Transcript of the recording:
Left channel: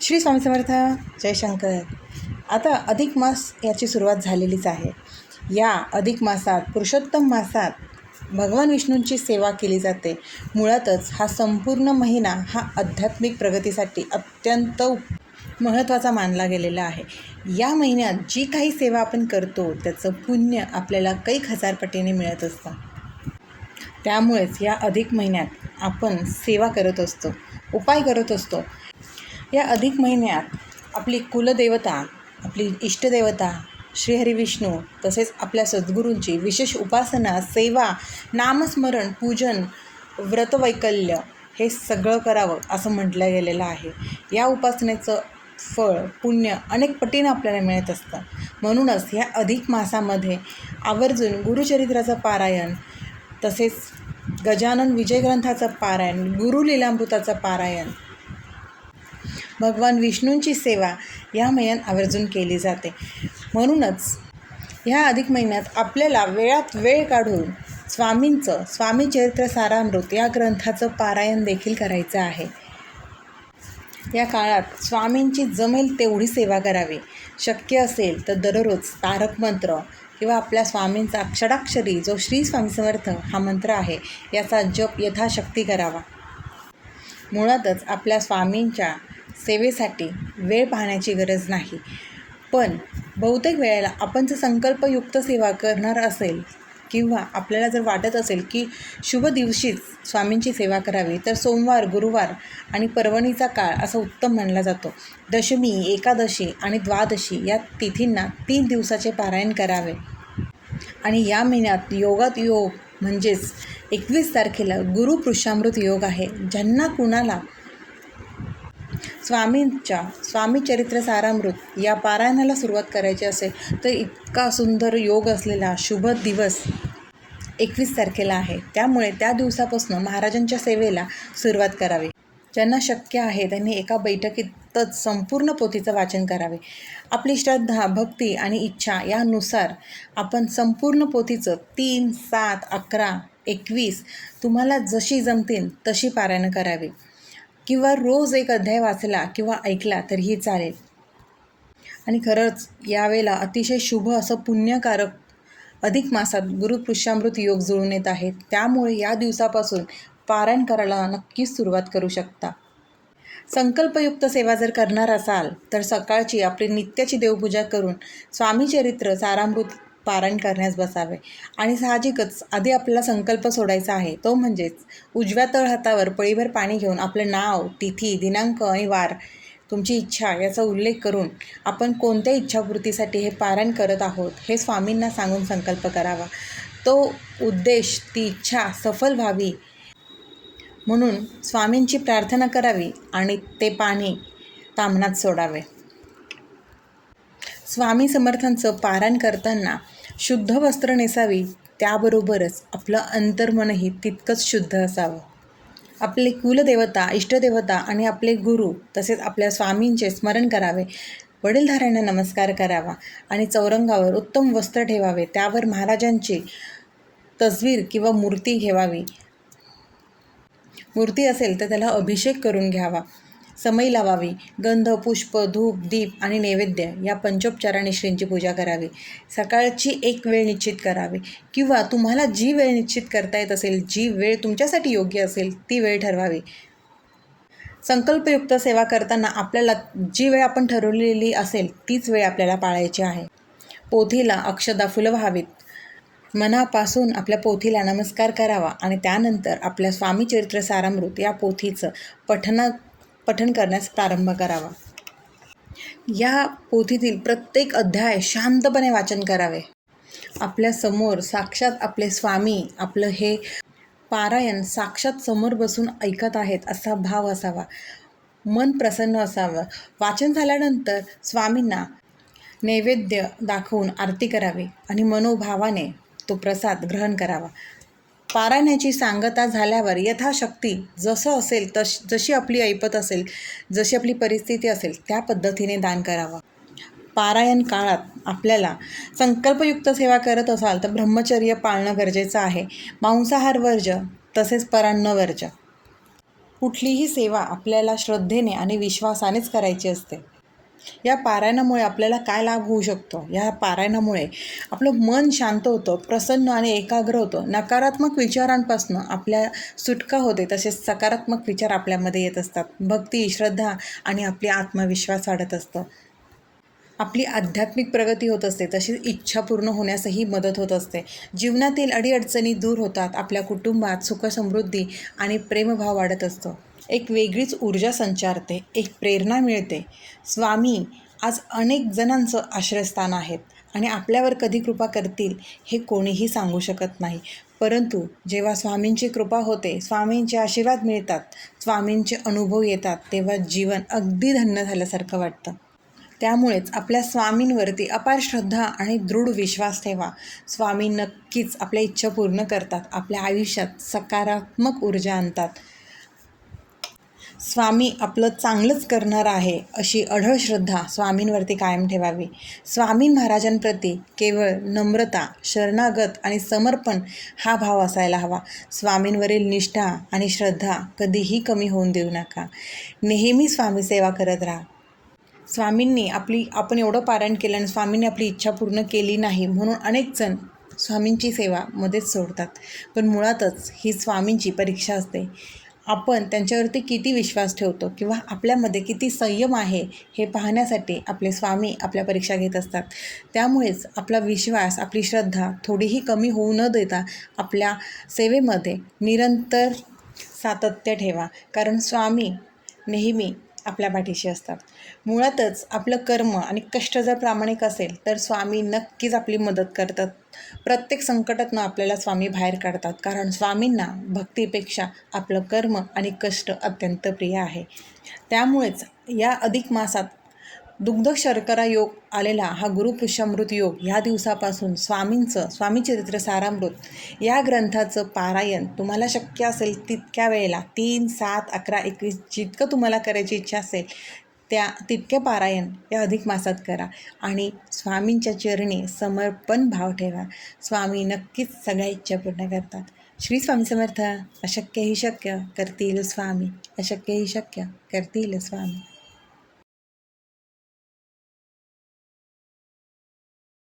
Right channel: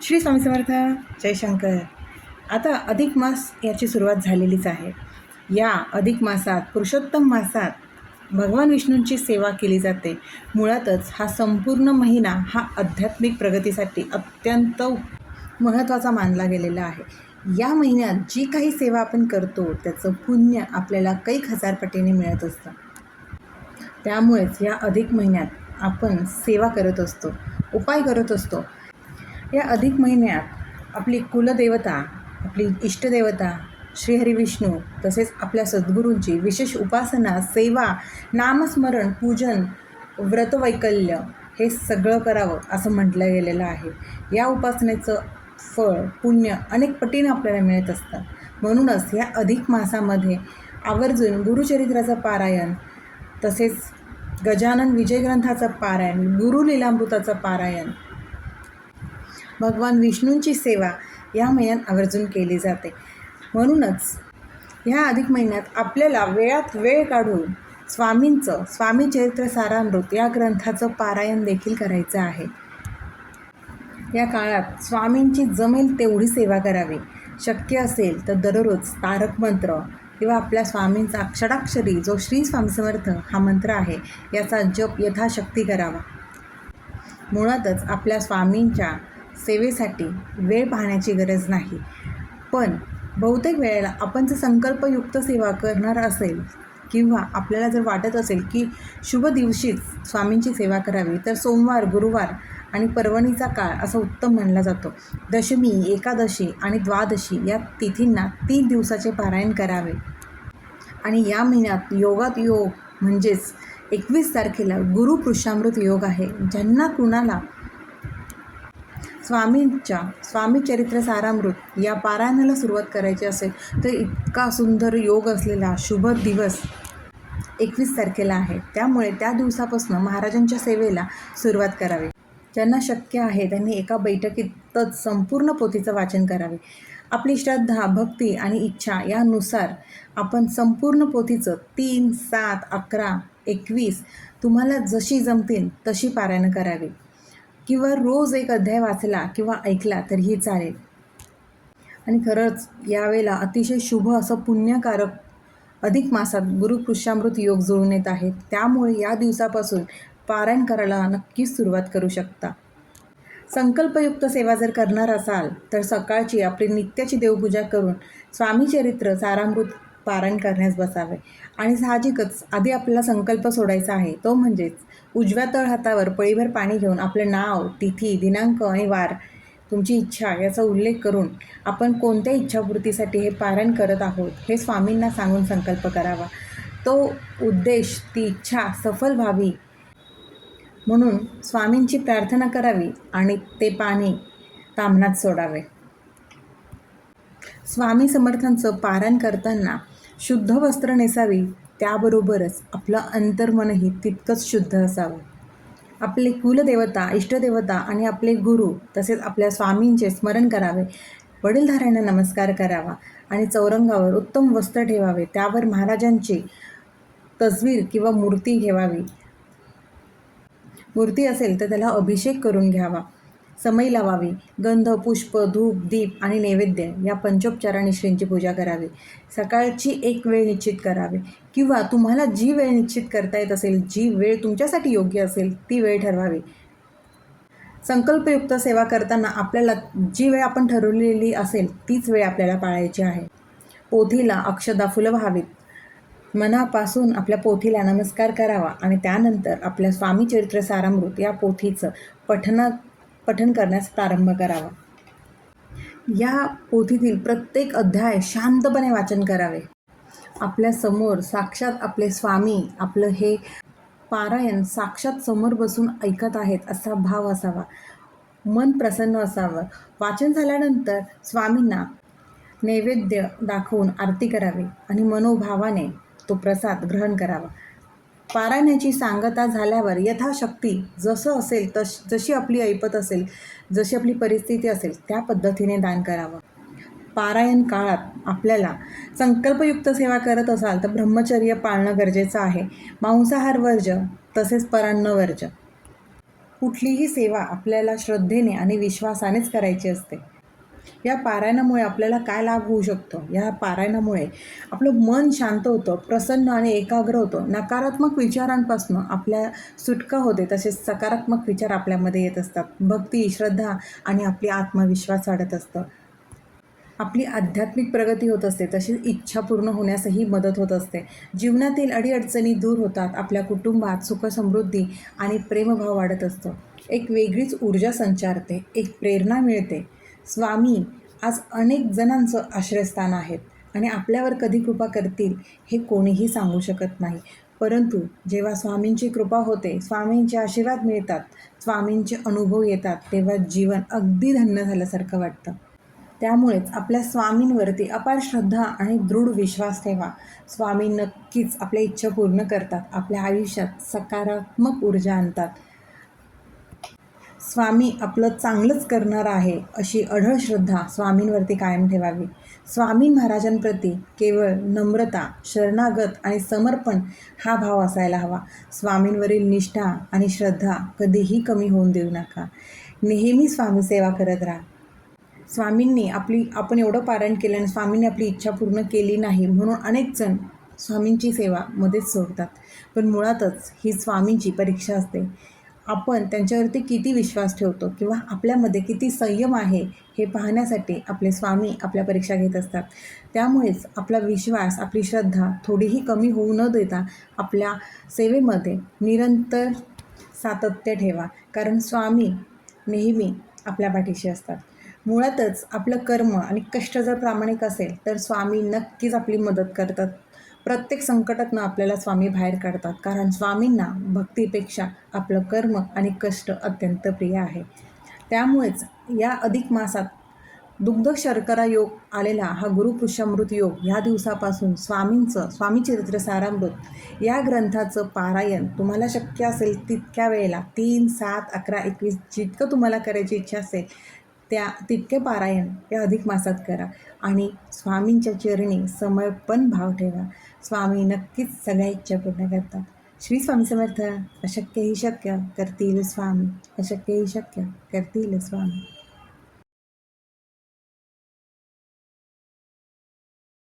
श्री स्वामी समर्थ. जयशंकर. आता अधिक मास याची सुरुवात झालेलीच आहे. या अधिक मासात, पुरुषोत्तम मासात भगवान विष्णूंची सेवा केली जाते. मुळातच हा संपूर्ण महिना हा आध्यात्मिक प्रगतीसाठी अत्यंत महत्त्वाचा मानला गेलेला आहे. या महिन्यात जी काही सेवा आपण करतो त्याचं पुण्य आपल्याला कैक हजार पटीने मिळत असतं. त्यामुळेच या अधिक महिन्यात आपण सेवा करत असतो, उपाय करत असतो. या अधिक महिन्यात आपली कुलदेवता, आपली इष्टदेवता श्रीहरी विष्णू तसेच आपल्या सद्गुरूंची विशेष उपासना, सेवा, नामस्मरण, पूजन, व्रतवैकल्य हे सगळं करावं असं म्हटलं गेलेलं आहे. या उपासनेचं फळ, पुण्य अनेक पटीनं आपल्याला मिळत असतं. म्हणूनच या अधिक मासामध्ये आवर्जून गुरुचरित्राचं पारायण, तसेच गजानन विजय ग्रंथाचं पारायण, गुरुलीलामृताचं पारायण, भगवान विष्णूंची सेवा या महिन्यात आवर्जून केली जाते. म्हणूनच ह्या अधिक महिन्यात आपल्याला वेळात वेळ काढून स्वामी चरित्र सारामृत या ग्रंथाचं पारायण देखील करायचं आहे. या काळात स्वामींची जमेल तेवढी सेवा करावी. शक्य असेल तर दररोज तारक मंत्र किंवा आपल्या स्वामींचा अक्षराक्षरी जो श्री स्वामी समर्थ हा मंत्र आहे याचा जप यथाशक्ती करावा. मुळातच आपल्या स्वामींच्या सेवेसाठी वेळ पाहण्याची गरज नाही, पण बहुतेक वेळेला आपण जर संकल्पयुक्त सेवा करणार असेल किंवा आपल्याला जर वाटत असेल की शुभ दिवशीच स्वामींची सेवा करावी, तर सोमवार, गुरुवार आणि पर्वणीचा काळ असा उत्तम मानला जातो. दशमी, एकादशी आणि द्वादशी या तिथींना 3 दिवसाचे पारायण करावे. आणि या महिन्यात योगात योग म्हणजेच 21 तारखेला गुरुपुरुषामृत योग आहे. ज्यांना कुणाला स्वामी चरित्र सारामृत या पारायणाला सुरुवात करायची असेल तर इतका सुंदर योग असलेला शुभ दिवस 21 तारखेला आहे. त्यामुळे त्या दिवसापासून महाराजांच्या सेवेला सुरुवात करावी. ज्यांना शक्य आहे त्यांनी एका बैठकीतच संपूर्ण पोथीचं वाचन करावे. आपली श्रद्धा, भक्ती आणि इच्छा यानुसार आपण संपूर्ण पोथीचं 3, 7, 11, 21 तुम्हाला जशी जमतील तशी पारायण करावी. किंवा रोज एक अध्याय वाचला किंवा ऐकला तरीही चालेल. आणि खरंच यावेळेला अतिशय शुभ असं पुण्यकारक अधिक मासात गुरुपुरुषामृत योग जुळून येत आहेत. त्यामुळे या दिवसापासून पारायण करायला नक्कीच सुरुवात करू शकता. संकल्पयुक्त सेवा जर करणार असाल तर सकाळची आपली नित्याची देवपूजा करून स्वामी चरित्र सारामृत पारायण करण्यास बसावे. आणि साहजिकच आधी आपल्याला संकल्प सोडायचा आहे, तो म्हणजेच उजव्या तळहातावर पळीभर पाणी घेऊन आपलं नाव, तिथी, दिनांक आणि वार, तुमची इच्छा याचा उल्लेख करून आपण कोणत्या इच्छापूर्तीसाठी हे पारायण करत आहोत हे स्वामींना सांगून संकल्प करावा. तो उद्देश, ती इच्छा सफल व्हावी म्हणून स्वामींची प्रार्थना करावी आणि ते पाणी ताम्हणात सोडावे. स्वामी समर्थांचं पारायण करताना शुद्ध वस्त्र नेसावी. त्याबरोबरच आपलं अंतर्मनही तितकंच शुद्ध असावं. आपले कुलदेवता, इष्टदेवता आणि आपले गुरु तसेच आपल्या स्वामींचे स्मरण करावे. वडीलधाऱ्यांना नमस्कार करावा आणि चौरंगावर उत्तम वस्त्र ठेवावे. त्यावर महाराजांची तस्वीर किंवा मूर्ती ठेवावी. मूर्ती असेल तर त्याला अभिषेक करून घ्यावा. समई लावावी. गंध, पुष्प, धूप, दीप आणि नैवेद्य या पंचोपचाराने श्रींची पूजा करावी. सकाळची एक वेळ निश्चित करावी किंवा तुम्हाला जी वेळ निश्चित करता येत असेल, जी वेळ तुमच्यासाठी योग्य असेल ती वेळ ठरवावी. संकल्पयुक्त सेवा करताना आपल्याला जी वेळ आपण ठरवलेली असेल तीच वेळ आपल्याला पाळायची आहे. पोथीला अक्षदा, फुलं व्हावीत. मनापासून आपल्या पोथीला नमस्कार करावा आणि त्यानंतर आपल्या स्वामी चरित्र सारामृत या पोथीचं पठण करण्यास प्रारंभ करावा. या पोथीतील प्रत्येक अध्याय शांतपणे वाचन करावे. आपल्या समोर साक्षात आपले स्वामी आपलं हे पारायण साक्षात समोर बसून ऐकत आहेत असा भाव असावा. मन प्रसन्न असावं. वाचन झाल्यानंतर स्वामींना नैवेद्य दाखवून आरती करावी आणि मनोभावाने तो प्रसाद ग्रहण करावा. पारायणाची सांगता झाल्यावर यथाशक्ती जसं असेल जशी आपली ऐपत असेल, जशी आपली परिस्थिती असेल त्या पद्धतीने दान करावं. पारायण काळात आपल्याला संकल्पयुक्त सेवा करत असाल तर ब्रह्मचर्य पाळणं गरजेचं आहे. मांसाहार वर्ज्य तसेच परान्न वर्ज्य. कुठलीही सेवा आपल्याला श्रद्धेने आणि विश्वासानेच करायची असते. या पारायणामुळे आपल्याला काय लाभ होऊ शकतो? या पारायणामुळे आपलं मन शांत होतं, प्रसन्न आणि एकाग्र होतं. नकारात्मक विचारांपासून आपल्या सुटका होते, तसेच सकारात्मक विचार आपल्यामध्ये येत असतात. भक्ती, श्रद्धा आणि आपली आत्मविश्वास वाढत असतं. आपली आध्यात्मिक प्रगती होत असते, तशीच इच्छा पूर्ण होण्यासही मदत होत असते. जीवनातील अडीअडचणी दूर होतात. आपल्या कुटुंबात सुखसमृद्धी आणि प्रेमभाव वाढत असतो. एक वेगळीच ऊर्जा संचारते, एक प्रेरणा मिळते. स्वामी आज अनेक जणांचं आश्रयस्थान आहेत आणि आपल्यावर कधी कृपा करतील हे कोणीही सांगू शकत नाही. परंतु जेव्हा स्वामींची कृपा होते, स्वामींचे आशीर्वाद मिळतात, स्वामींचे अनुभव येतात, तेव्हा जीवन अगदी धन्य झाल्यासारखं वाटतं. त्यामुळेच आपल्या स्वामींवरती अपार श्रद्धा आणि दृढ विश्वास ठेवा. स्वामी नक्कीच आपल्या इच्छा पूर्ण करतात, आपल्या आयुष्यात सकारात्मक ऊर्जा आणतात. स्वामी आपलं चांगलंच करणार आहे अशी अढळ श्रद्धा स्वामींवरती कायम ठेवावी. स्वामी महाराजांप्रती केवळ नम्रता, शरणागत आणि समर्पण हा भाव असायला हवा. स्वामींवरील निष्ठा आणि श्रद्धा कधीही कमी होऊन देऊ नका. नेहमी स्वामी सेवा करत राहा. स्वामींनी आपण एवढं पारायण केलं आणि स्वामींनी आपली इच्छा पूर्ण केली नाही म्हणून अनेक जण स्वामींची सेवा मध्येच सोडतात. पण मुळातच ही स्वामींची परीक्षा असते. आपण त्यांच्यावरती किती विश्वास ठेवतो किंवा आपल्यामध्ये किती संयम आहे हे पाहण्यासाठी आपले स्वामी आपल्या परीक्षा घेत असतात. त्यामुळेच आपला विश्वास, आपली श्रद्धा थोडीही कमी होऊ न देता आपल्या सेवेमध्ये निरंतर सातत्य ठेवा. कारण स्वामी नेहमी आपल्या पाठीशी असतात. मुळातच आपलं कर्म आणि कष्ट जर प्रामाणिक असेल तर स्वामी नक्कीच आपली मदत करतात. प्रत्येक संकटातनं आपल्याला स्वामी बाहेर काढतात. कारण स्वामींना भक्तीपेक्षा आपलं कर्म आणि कष्ट अत्यंत प्रिय आहे. त्यामुळेच या अधिक मासात दुग्ध शर्करा योग आलेला हा गुरुपुष्यामृत योग ह्या दिवसापासून स्वामी चरित्र सारामृत या ग्रंथाचं पारायण तुम्हाला शक्य असेल तितक्या वेळेला 3, 7, 11, 21 जितकं तुम्हाला करायची इच्छा असेल तितके पारायण या अधिक मासात करा आणि स्वामींच्या चरणी समर्पण भाव ठेवा. स्वामी नक्कीच सगळ्या इच्छा पूर्ण करतात. श्री स्वामी समर्थ. अशक्य ही शक्य करतील स्वामी, अशक्य ही शक्य करतील स्वामी.